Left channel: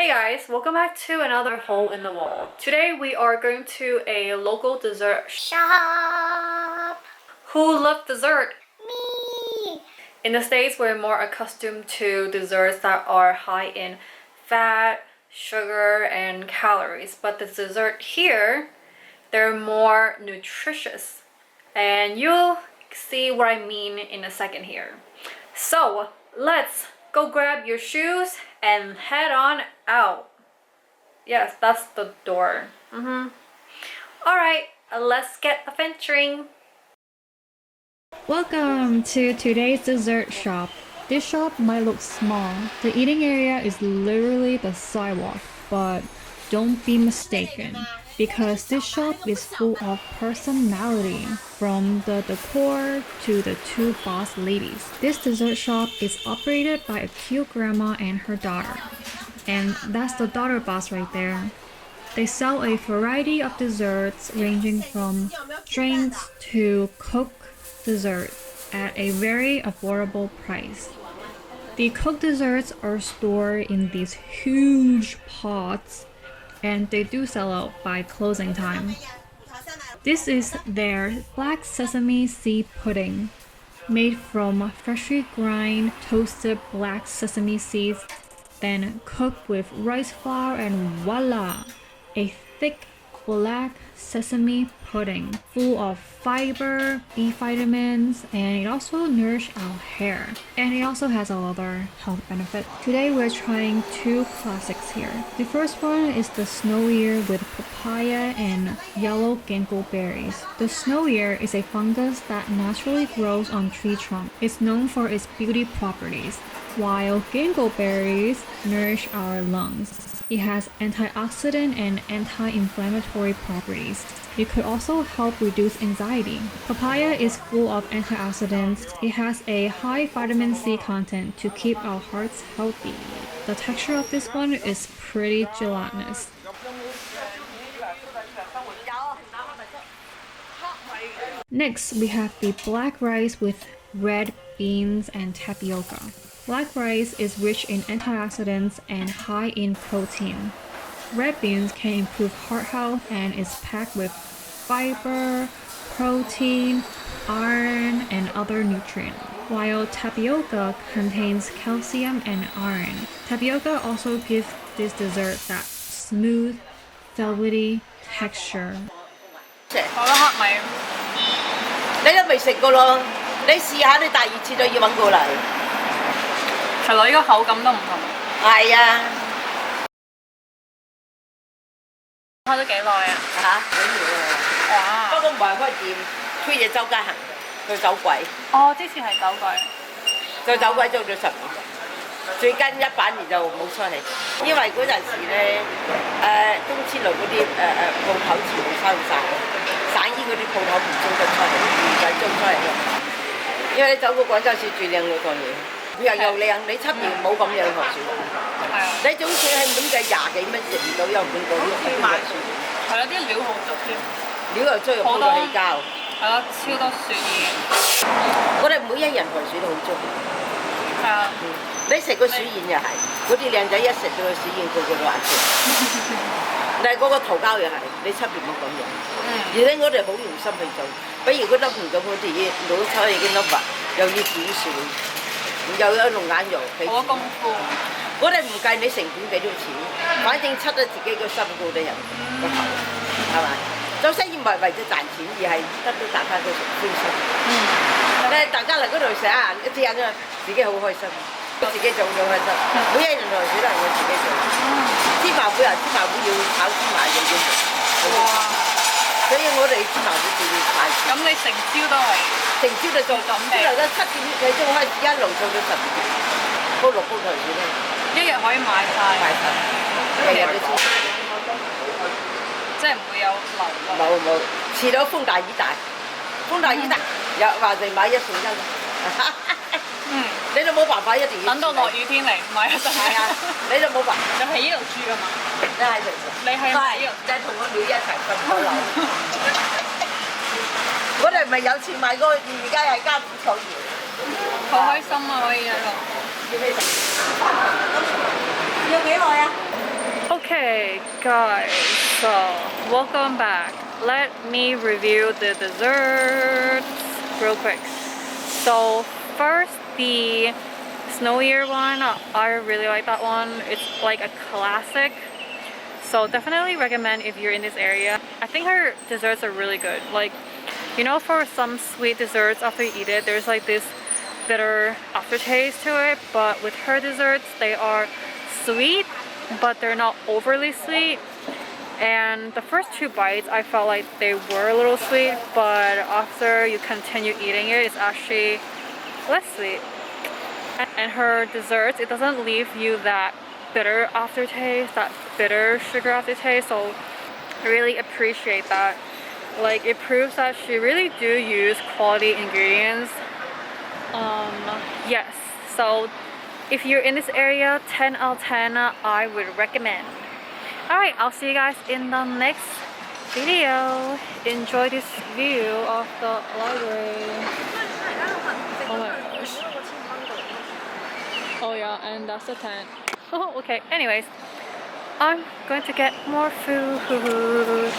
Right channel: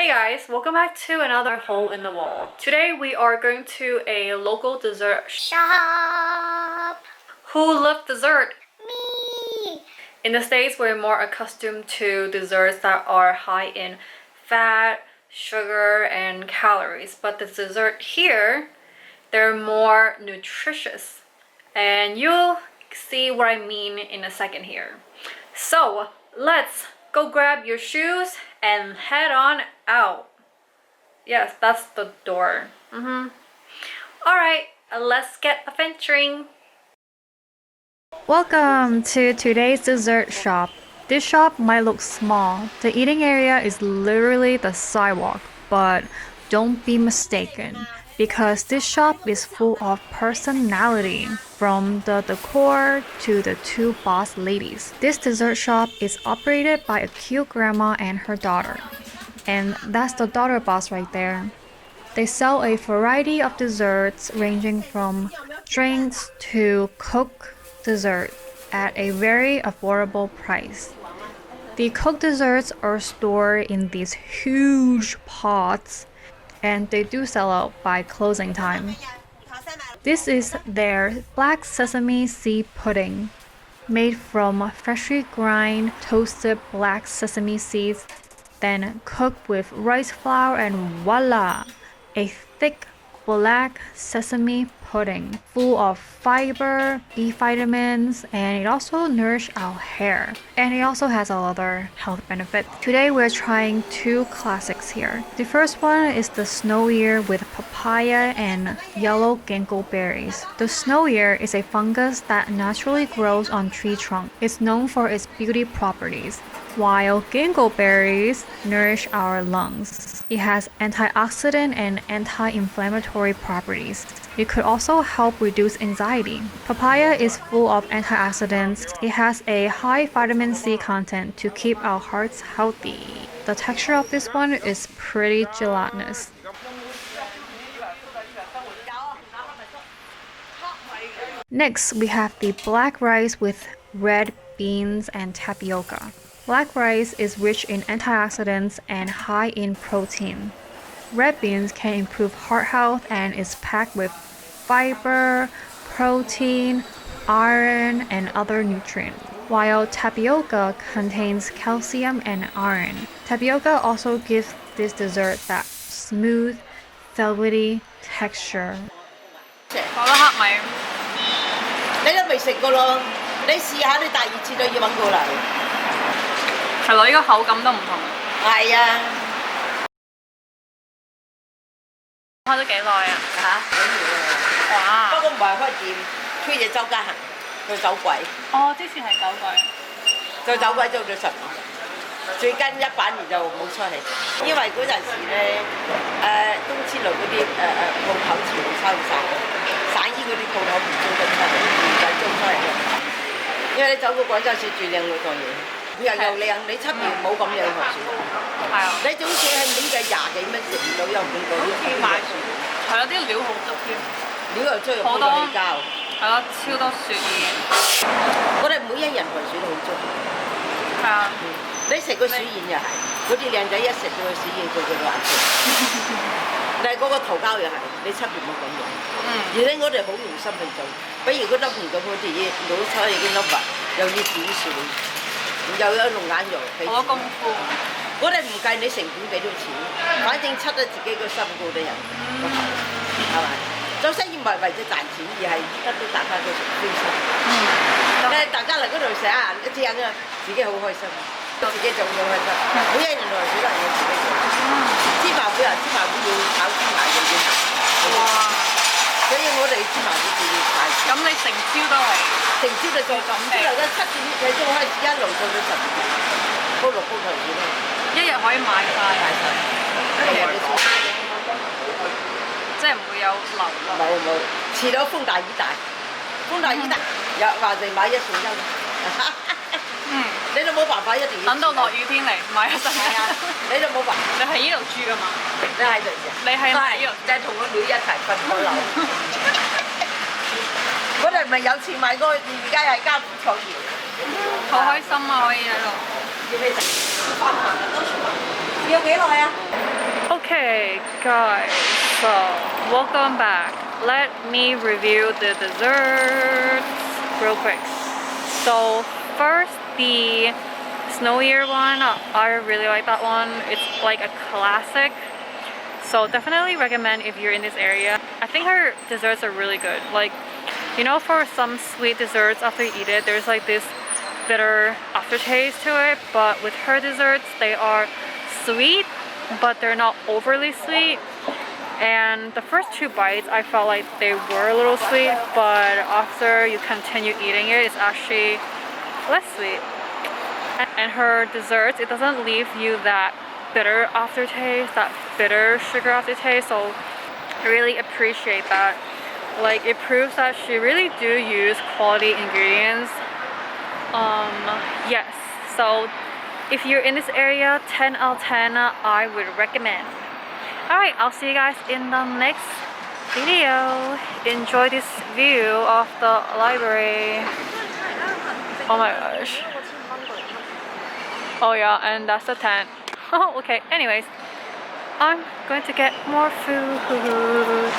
Hey guys, welcome back to another hole in the wall. Today we are going to a local dessert shop. Who loves dessert? Me. In the States, we're more accustomed to desserts that are high in fat, sugar, and calories. But the dessert here, they're more nutritious. And you'll see what I mean in a second here. So let's go grab your shoes and head on out. Yes, that's the door. Alright, let's get adventuring. Welcome to today's dessert shop. This shop might look small. The eating area is literally the sidewalk, but don't be mistaken, because this shop is full of personality, from the decor to the two boss ladies. This dessert shop is operated by a cute grandma and her daughter. And that's the daughter boss right there. They sell a variety of desserts ranging from drinks to cooked dessert at a very affordable price. The cooked desserts are stored in these huge pots, and they do sell out by closing time. This is their black sesame seed pudding, made from freshly ground toasted black sesame seeds, then cooked with rice flour, and voila! A thick black sesame pudding full of fiber, B vitamins, and it also nourishes our hair. And it also has other health benefits. Today we're trying two classics here. The first one is the snow ear with papaya and yellow ginkgo berries. The snow ear is a fungus that naturally grows on tree trunks. It's known for its beauty properties, while ginkgo berries nourish our lungs. It has antioxidant and anti-inflammatory properties. It could also help reduce anxiety. Papaya is full of antioxidants. It has a high vitamin C content to keep our hearts healthy. The texture of this one is pretty gelatinous. Next, we have the black rice with red beans and tapioca. Black rice is rich in antioxidants and high in protein. Red beans can improve heart health and is packed with fiber, protein, iron, and other nutrients, while tapioca contains calcium and iron. Tapioca also gives this dessert that smooth, velvety texture. 我都黑米。你都未食過咯，你試下，你第二次都要揾過嚟。係咯，呢個口感都唔同。係啊。開咗幾耐啊？嚇，幾年啊！哇！不過唔係開店，推嘢周街行，做走鬼。哦，之前係走鬼。做走鬼做咗10年，最近1把年就冇出嚟，因為嗰陣時咧，東千路嗰啲鋪頭全部收晒，省醫嗰啲鋪頭唔租得出嚟，唔使租出嚟嘅。因為你走過廣州市最靚嗰個嘢，又靚，你出邊冇咁樣學住。係啊。你總算係咁計20幾蚊食唔到，又唔見到啲買住。係啦，啲料好足添。料又足，又鋪到起膠。係咯，超多雪已經。我哋每一人盤雪都好足。係啊。你食個薯燕又係，嗰啲靚仔一食到個薯燕，個個都話食。但係嗰個桃膠又係，你出邊冇咁樣。而且我哋好用心去做，比如嗰粒紅棗嗰啲嘢攞出嚟嘅粒物，又要剪樹，又有龍眼肉。好多功夫。我哋唔計你成本幾多錢，反正出咗自己個心過得人個頭，係咪？做生意唔係為咗賺錢，而係得到大家嘅歡心。大家嚟嗰度食啊，一隻人啊，自己好開心。自己做好開心，每一人來幾多人我自己做。芝麻糊啊，芝麻糊要炒芝麻嘅要行。哇！所以我哋芝麻糊就要快。咁你成朝都係？成朝就做，朝頭早7點幾鐘開始，一路做到10點，煲6煲頭先啦。一日可以賣晒。賣晒。即係唔會有流落。冇，遲到風大雨大，風大雨大，又話哋買1送1。你都冇辦法一定要等到落雨天嚟買一陣。係啊，你都冇辦法。你喺呢度住㗎嘛？你喺度住。你係咪呢度？就係同個女一齊瞓開樓。我哋唔係有錢買嗰個，而家係家父創業。好開心啊！可以喺度。要幾食？要幾耐啊？ Okay, guys, so welcome back. Let me review the desserts real quick. So first, the snowier one, I really like that one. It's like a classic. So definitely recommend if you're in this area. I think her desserts are really good. Like, you know, for some sweet desserts after you eat it, there's like this bitter aftertaste to it. But with her desserts, they are sweet, but they're not overly sweet. And the first 2 bites, I felt like they were a little sweet, but after you continue eating it, it's actually less sweet. And her desserts, it doesn't leave you that bitter aftertaste, that bitter sugar aftertaste. So I really appreciate that. Like, it proves that she really do use quality ingredients. Yes. So if you're in this area, 10 out of 10, I would recommend. Alright, I'll see you guys in the next video. Enjoy this view of the library. Oh my gosh. Oh yeah, and that's the tent. Okay, anyways, I'm going to get more food.